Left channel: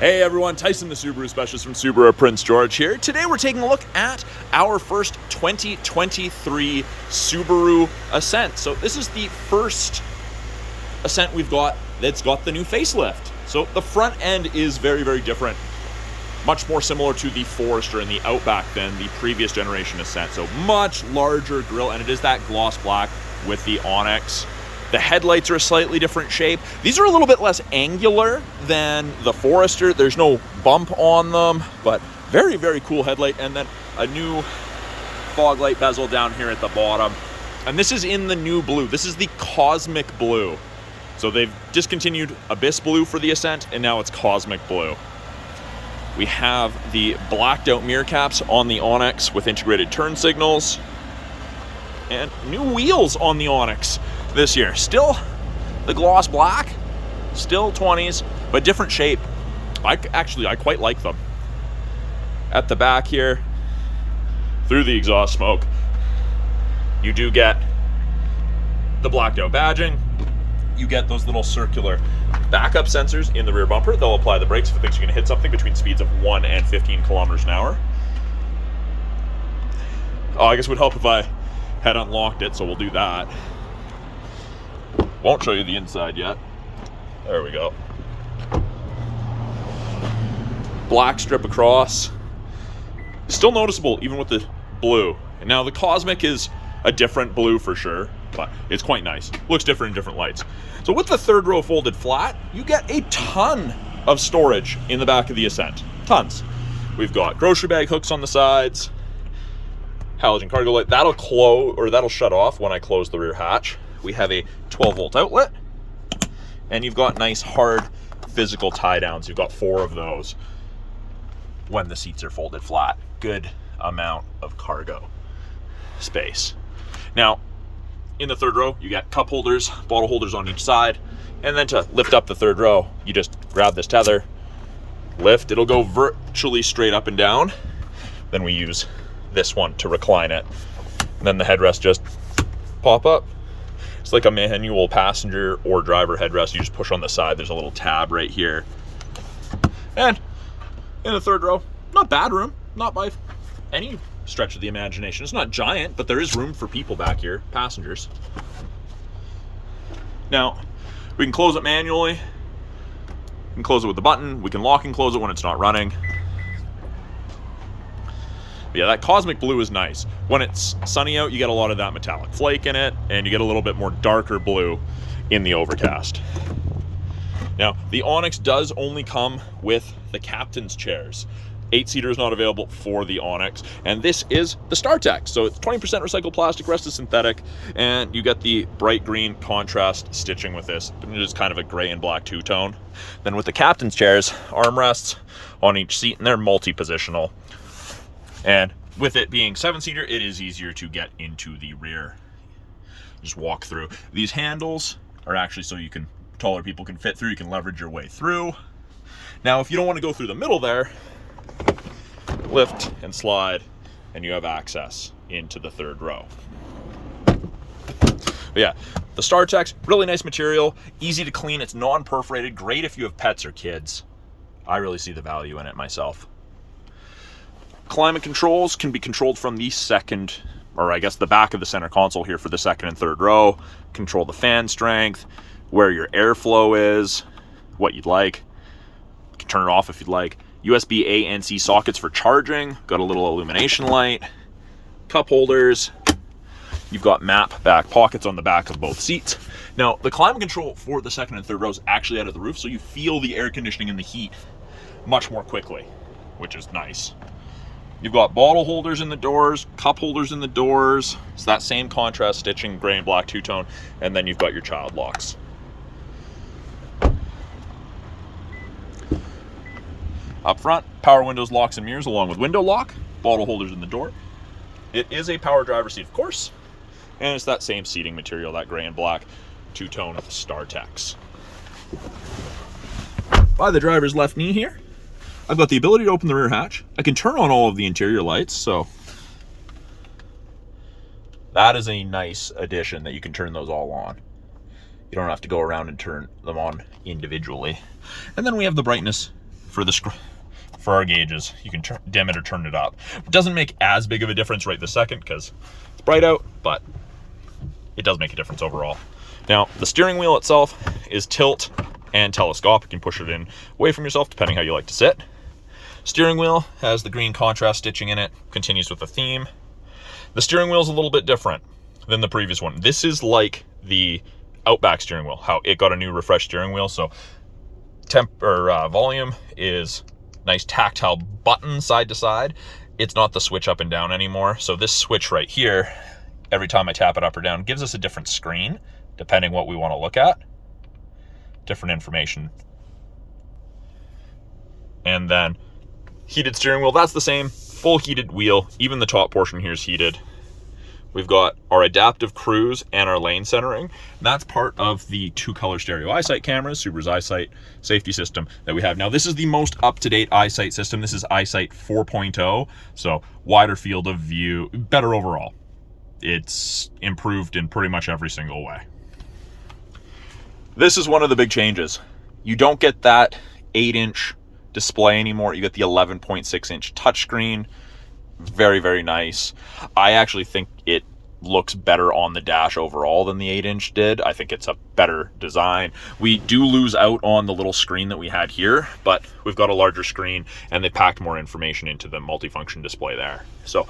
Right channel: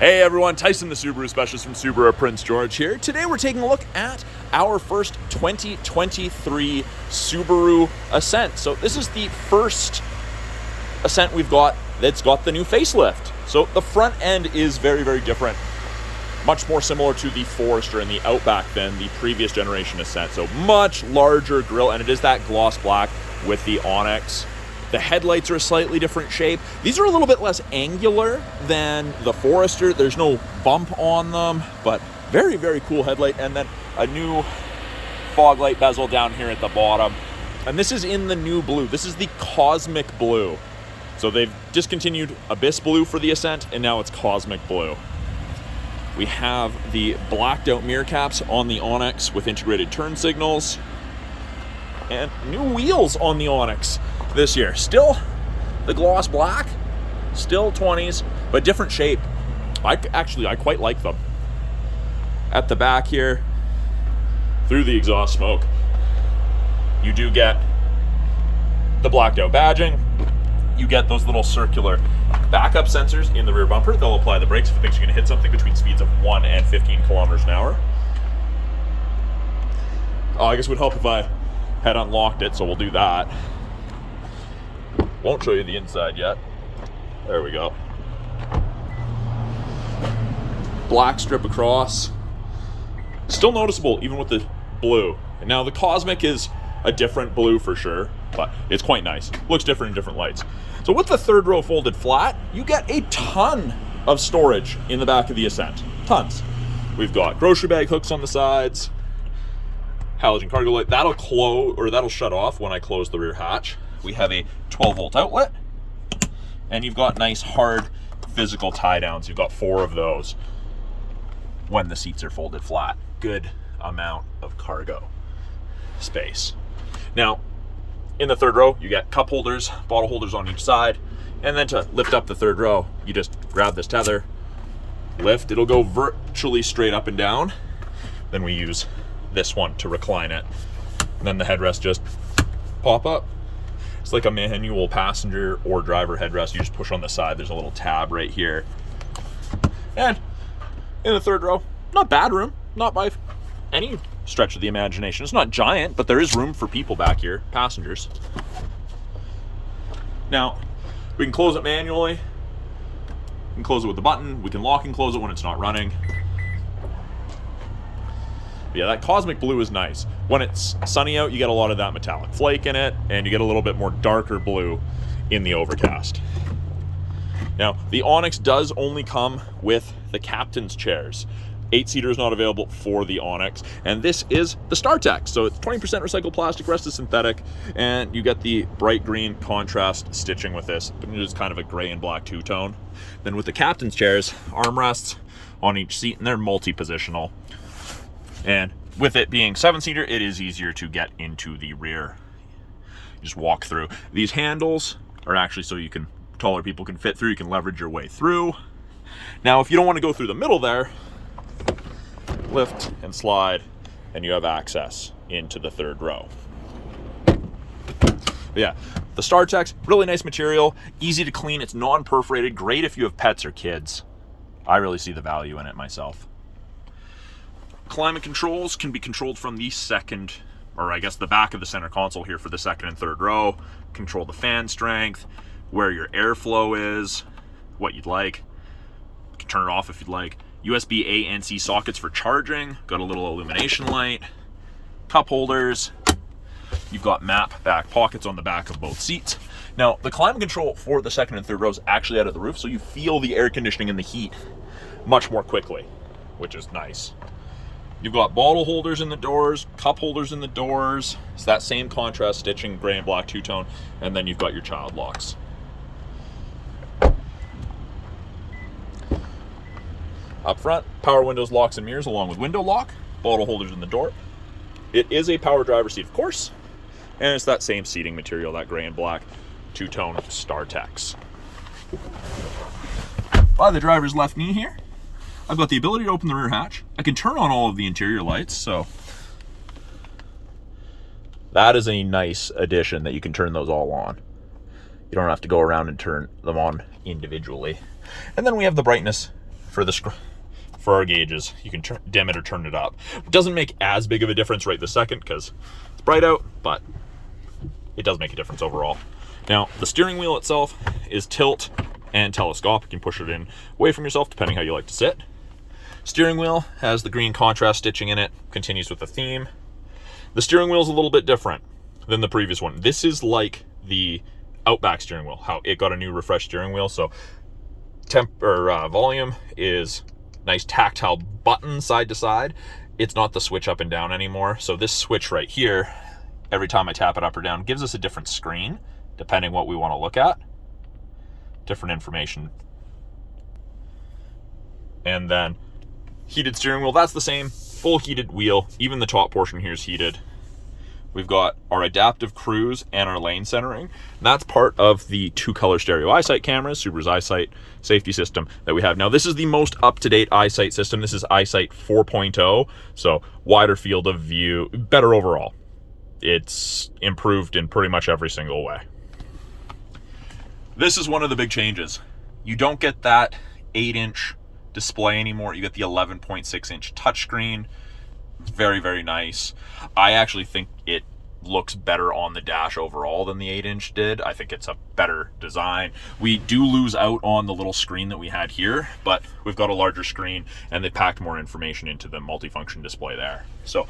Hey everyone, Tyson the Subaru Specialist from Subaru Prince George here. Today we're taking a look at our first 2023 Subaru Ascent. So this is the first Ascent we've got that's got the new facelift. So the front end is very, very different. Much more similar to the Forester and the Outback than the previous generation Ascent. So much larger grille, and it is that gloss black with the Onyx. The headlights are a slightly different shape. These are a little bit less angular than the Forester. There's no bump on them, but very, very cool headlight. And then a new fog light bezel down here at the bottom. And this is in the new blue. This is the Cosmic Blue. So they've discontinued Abyss Blue for the Ascent, and now it's Cosmic Blue. We have the blacked out mirror caps on the Onyx with integrated turn signals. And new wheels on the Onyx this year. Still the gloss black, still 20s, but different shape. I quite like them. At the back here, through the exhaust smoke, you do get the blacked out badging. You get those little circular backup sensors in the rear bumper. They'll apply the brakes if it thinks you're going to hit something between speeds of 1 and 15 kilometers an hour. Oh, I guess it would help if I had unlocked it, so we'll do that. Won't show you the inside yet. There we go. Black strip across. Still noticeable even with the blue. And now the Cosmic is a different blue for sure, but it's quite nice. Looks different in different lights. So with the third row folded flat, you get a ton of storage in the back of the Ascent. Tons. We've got grocery bag hooks on the sides, halogen cargo light. That'll close, or that'll shut off when I close the rear hatch. We have a 12-volt outlet, and you've got nice hard physical tie downs. You've got 4 of those when the seats are folded flat. Good amount of cargo space. Now, in the third row, you get cup holders, bottle holders on each side, and then to lift up the third row, you just grab this tether, lift, it'll go virtually straight up and down. Then we use this one to recline it. And then the headrest just pop up. It's like a manual passenger or driver headrest. You just push on the side. There's a little tab right here. And in the third row, not bad room, not by any stretch of the imagination. It's not giant, but there is room for people back here, passengers. Now, we can close it manually. We can close it with a button. We can lock and close it when it's not running. But yeah, that Cosmic Blue is nice. When it's sunny out, you get a lot of that metallic flake in it, and you get a little bit more darker blue in the overcast. Now, the Onyx does only come with the captain's chairs. 8-seater is not available for the Onyx, and this is the StarTech. So it's 20% recycled plastic, rest is synthetic, and you get the bright green contrast stitching with this, but it is kind of a gray and black two-tone. Then with the captain's chairs, armrests on each seat, and they're multi-positional. And with it being 7-seater, it is easier to get into the rear. You just walk through. These handles are actually so you can, taller people can fit through. You can leverage your way through. Now, if you don't want to go through the middle there, lift and slide, and you have access into the third row. But yeah, the StarTech's really nice material, easy to clean. It's non-perforated, great if you have pets or kids. I really see the value in it myself. Climate controls can be controlled from the second, or I guess the back of the center console here for the second and third row. Control the fan strength, where your airflow is, what you'd like. You can turn it off if you'd like. USB A and C sockets for charging. Got a little illumination light. Cup holders. You've got map back pockets on the back of both seats. Now, the climate control for the second and third row is actually out of the roof, so you feel the air conditioning and the heat much more quickly, which is nice. You've got bottle holders in the doors, cup holders in the doors. It's that same contrast stitching, gray and black two-tone, and then you've got your child locks. Up front, power windows, locks, and mirrors along with window lock, bottle holders in the door. It is a power driver seat, of course, and it's that same seating material, that gray and black two-tone StarTechs. By the driver's left knee here, I've got the ability to open the rear hatch. I can turn on all of the interior lights, so that is a nice addition that you can turn those all on. You don't have to go around and turn them on individually. And then we have the brightness for our gauges. You can dim it or turn it up. It doesn't make as big of a difference right this second because it's bright out, but it does make a difference overall. Now, the steering wheel itself is tilt and telescopic. You can push it in away from yourself depending how you like to sit. Steering wheel has the green contrast stitching in it, continues with the theme. The steering wheel is a little bit different than the previous one. This is like the Outback steering wheel, how it got a new refreshed steering wheel. So volume is nice tactile button side to side. It's not the switch up and down anymore. So this switch right here, every time I tap it up or down, gives us a different screen depending what we want to look at, different information. And then heated steering wheel, that's the same, full heated wheel. Even the top portion here is heated. We've got our adaptive cruise and our lane centering. And that's part of the 2-color stereo EyeSight cameras, Subaru's EyeSight safety system that we have. Now, this is the most up-to-date EyeSight system. This is EyeSight 4.0, so wider field of view, better overall. It's improved in pretty much every single way. This is one of the big changes. You don't get that 8-inch display anymore. You get the 11.6-inch touchscreen. Very, very nice. I actually think it looks better on the dash overall than the 8-inch did. I think it's a better design. We do lose out on the little screen that we had here, but we've got a larger screen and they packed more information into the multifunction display there. So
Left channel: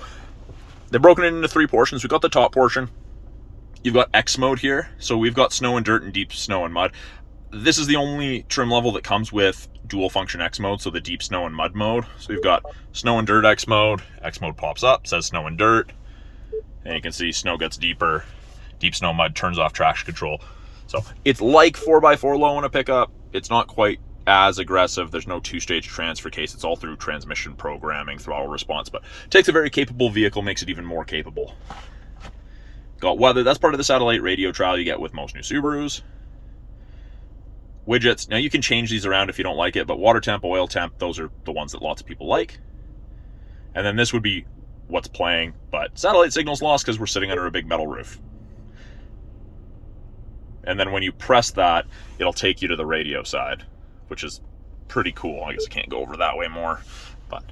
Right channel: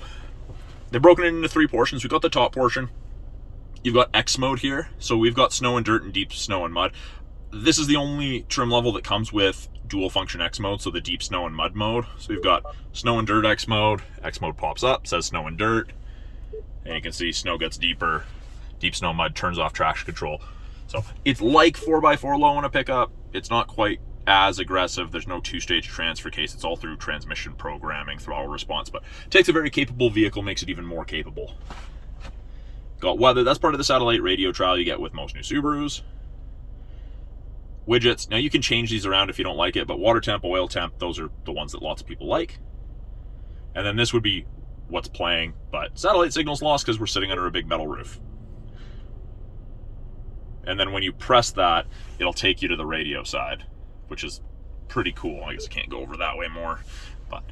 they've broken it into 3 portions. We've got the top portion. You've got X mode here. So we've got snow and dirt and deep snow and mud. This is the only trim level that comes with dual function X mode, so the deep snow and mud mode. So we've got snow and dirt X mode pops up, says snow and dirt, and you can see snow gets deeper, deep snow mud turns off traction control. So it's like 4x4 low in a pickup. It's not quite as aggressive. There's no 2-stage transfer case. It's all through transmission programming, throttle response, but it takes a very capable vehicle, makes it even more capable. Got weather, that's part of the satellite radio trial you get with most new Subarus. Widgets, now you can change these around if you don't like it, but water temp, oil temp, those are the ones that lots of people like. And then this would be what's playing, but satellite signal's lost because we're sitting under a big metal roof. And then when you press that, it'll take you to the radio side, which is pretty cool. I guess I can't go over that way more, but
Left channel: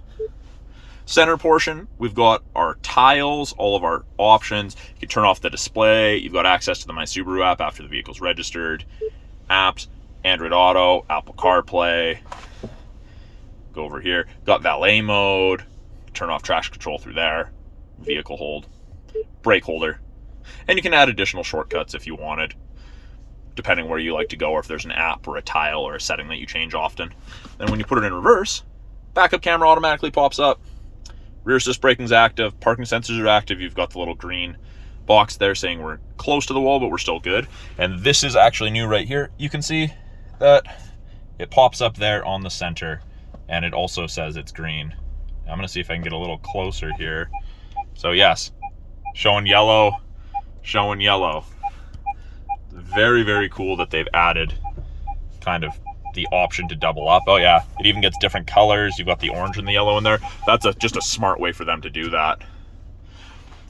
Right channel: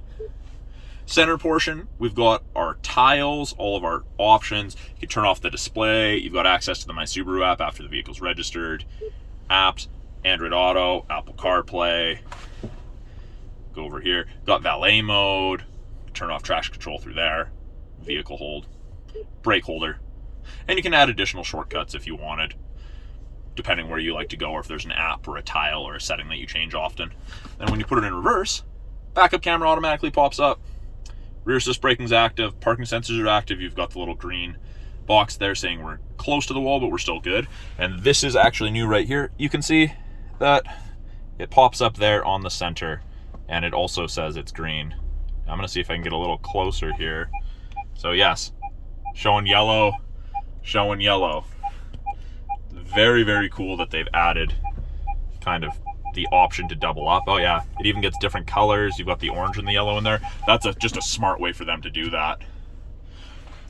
center portion, we've got our tiles, all of our options. You can turn off the display. You've got access to the My Subaru app after the vehicle's registered. Apps, Android Auto, Apple CarPlay. Go over here. Got valet mode. Turn off traction control through there. Vehicle hold. Brake holder. And you can add additional shortcuts if you wanted, depending where you like to go, or if there's an app or a tile or a setting that you change often. Then when you put it in reverse, backup camera automatically pops up. Rear assist braking's active. Parking sensors are active. You've got the little green box there saying we're close to the wall, but we're still good. And this is actually new right here. You can see that it pops up there on the center, and it also says it's green. I'm gonna see if I can get a little closer here. So yes, showing yellow, showing yellow. Very, very cool that they've added kind of the option to double up. Oh yeah, it even gets different colors. You've got the orange and the yellow in there. That's just a smart way for them to do that.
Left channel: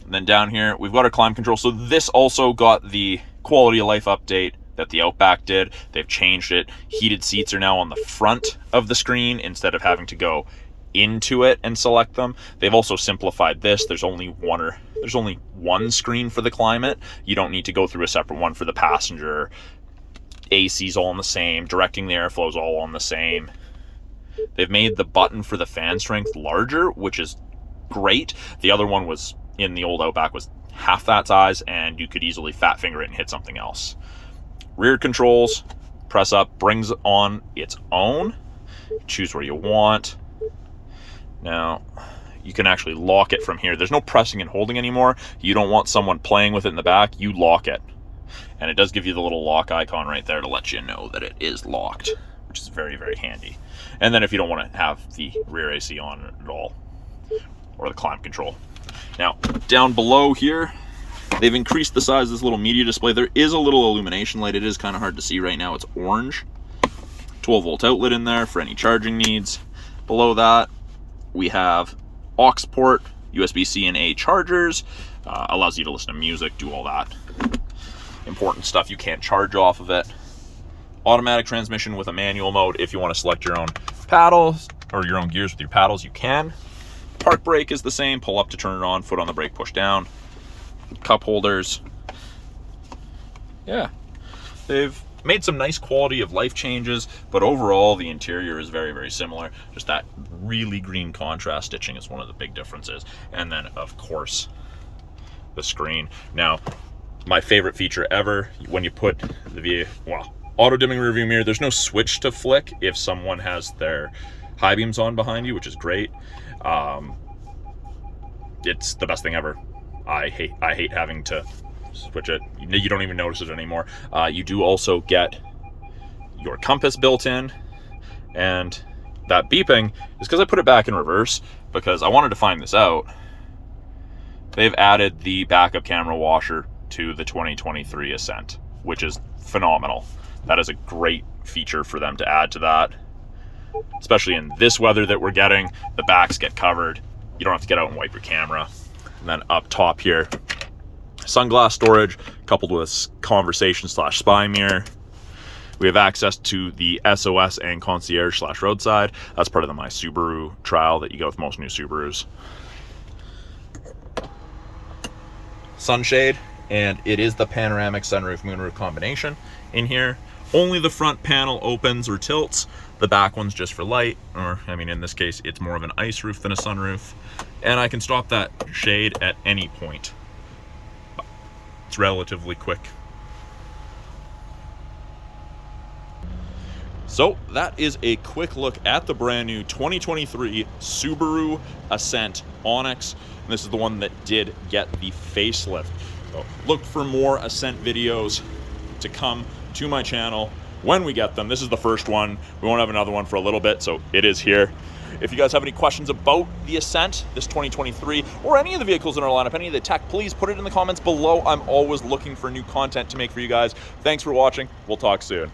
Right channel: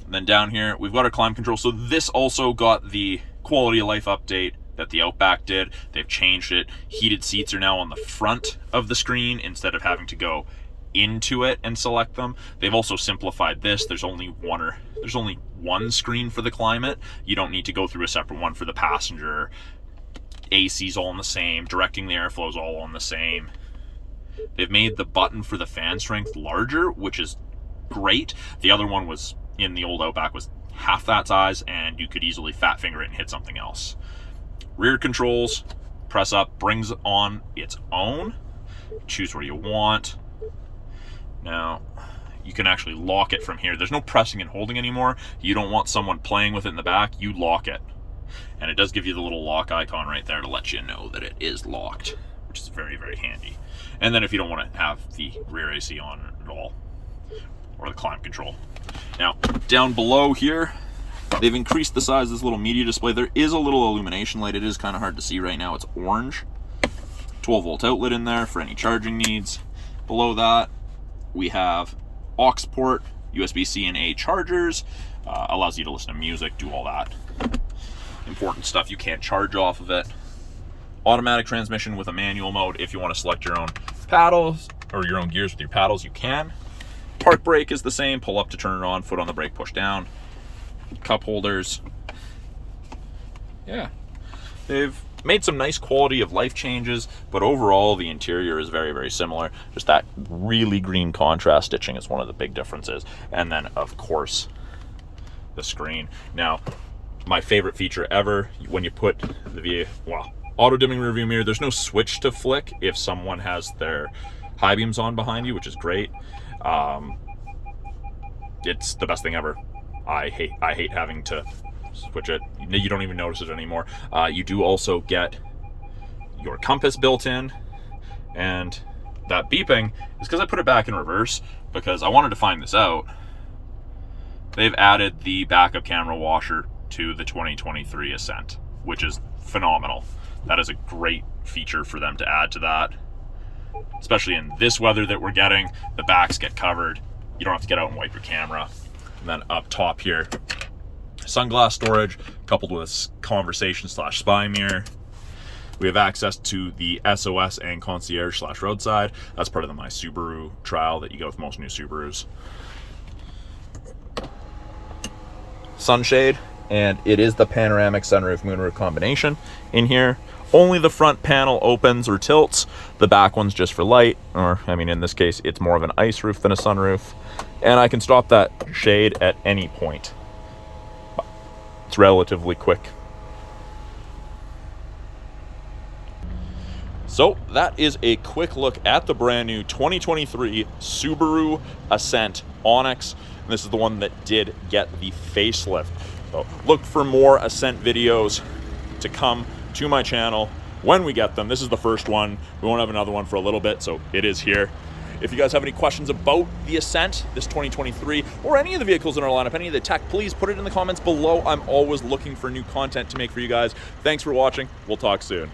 And then down here, we've got our climate control. So this also got the quality of life update that the Outback did. They've changed it. Heated seats are now on the front of the screen instead of having to go into it and select them. They've also simplified this. There's only one screen for the climate. You don't need to go through a separate one for the passenger. AC's all on the same. Directing the airflow's all on the same. They've made the button for the fan strength larger, which is great. The other one was in the old Outback was half that size, and you could easily fat finger it and hit something else. Rear controls, press up, brings on its own. Choose where you want. Now, you can actually lock it from here. There's no pressing and holding anymore. You don't want someone playing with it in the back, you lock it. And it does give you the little lock icon right there to let you know that it is locked, which is very, very handy. And then if you don't want to have the rear AC on at all, or the climate control. Now, down below here, they've increased the size of this little media display. There is a little illumination light. It is kind of hard to see right now. It's orange. 12-volt outlet in there for any charging needs. Below that, we have aux port, USB-C and A chargers. Allows you to listen to music, do all that important stuff. You can't charge off of it. automatic transmission with a manual mode. If you want to select your own paddles or your own gears with your paddles, you can. Park brake is the same. Pull up to turn it on, foot on the brake, push down. Cup holders. Yeah, they've made some nice quality of life changes, but overall the interior is very, very similar. Just that really green contrast stitching is one of the big differences. And then of course the screen. Now, my favorite feature ever, when you put the auto dimming rear view mirror, there's no switch to flick if someone has their high beams on behind you, which is great. It's the best thing ever. I hate having to switch it. You don't even notice it anymore. You do also get your compass built in, and that beeping is because I put it back in reverse because I wanted to find this out. They've added the backup camera washer to the 2023 Ascent, which is phenomenal. That is a great feature for them to add to that, especially in this weather that we're getting. The backs get covered. You don't have to get out and wipe your camera. And then up top here, sunglass storage coupled with conversation / spy mirror. We have access to the SOS and concierge / roadside. That's part of my Subaru trial that you get with most new Subarus. Sunshade, and it is the panoramic sunroof moonroof combination in here. Only the front panel opens or tilts. The back one's just for light, or I mean in this case it's more of an ice roof than a sunroof. And I can stop that shade at any point. It's relatively quick. So that is a quick look at the brand new 2023 Subaru Ascent Onyx. And this is the one that did get the facelift. So look for more Ascent videos to come to my channel when we get them. This is the first one. We won't have another one for a little bit, so it is here. If you guys have any questions about the Ascent, this 2023, or any of the vehicles in our lineup, any of the tech, please put it in the comments below. I'm always looking for new content to make for you guys. Thanks for watching. We'll talk soon.